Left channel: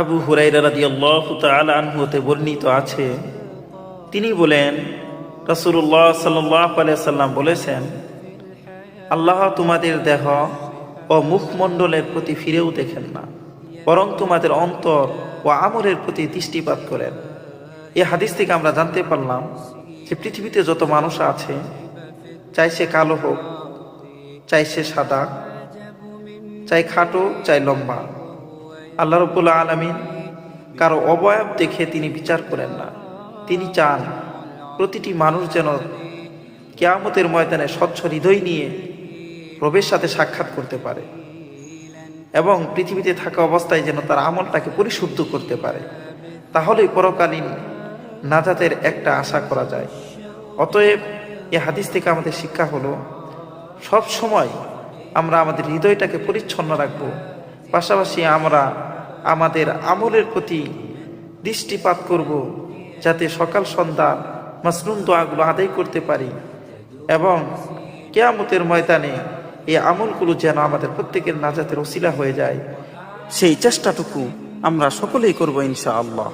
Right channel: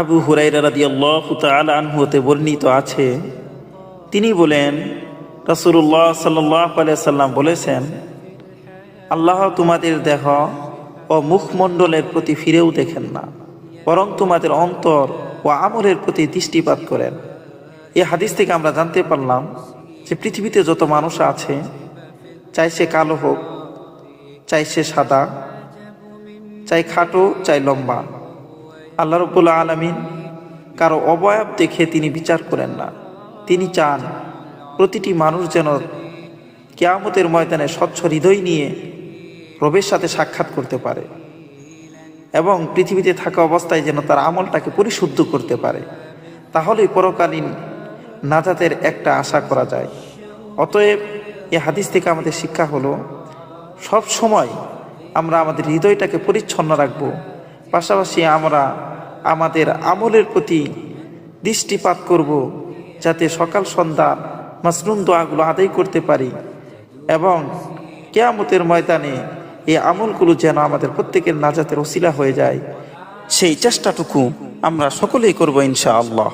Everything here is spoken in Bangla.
আবু হুরায়রা রাদিয়াল্লাহু তাআলা আনহু হতে বর্ণিত আছে, তিনি বলেন, রাসূলুল্লাহ সাল্লাল্লাহু আলাইহি সাল্লাম বলেছেন, আল্লাহ তোমাদের দেহ ও মুখমণ্ডলের প্রতি ফিরেও দেখেন না, বরং তোমাদের অন্তর ও আমলের প্রতি দৃষ্টিপাত করেন। এই হাদিস থেকে আমরা জানতে পারলাম যে পৃথিবীতে যত মানুষ আছে, চাই সে কালো হোক, চাই সে সাদা, চাই খাটো, চাই লম্বা, আল্লাহ রাব্বুল আলামিন কারো অবয়ব দেখে তিনি বিচার করেন না। তিনি চান প্রতিটি মানুষ যেন কিয়ামতের ময়দানে স্বচ্ছ হৃদয় নিয়ে রবের সাথে সাক্ষাৎ করতে পারে এবং পৃথিবীতে থাকা অবস্থায় যেন তার আমলটাকে পরিশুদ্ধ করতে পারে। তাহলেই পরকালীন নাজাতের একটা আশা করা যায়। অতএব এই হাদিস থেকে আমাদের শিক্ষা হলো, সব সময় আমরা আমাদের হৃদয়টাকে পরিচ্ছন্ন রাখবো, পাশাপাশি আমরা আমাদের আমলের প্রতি দৃষ্টিপাত করব, যাতে সকাল সন্ধ্যা মাসনুন দোয়াগুলো আদায় করতে পারি এবং কিয়ামতের ময়দানে এই আমলগুলো যেন আমাদের প্রত্যেকের নাজাতের ওসিলা হয়ে যায়, সেই চেষ্টাটুকু আমরা সকলেই করব ইনশাআল্লাহ।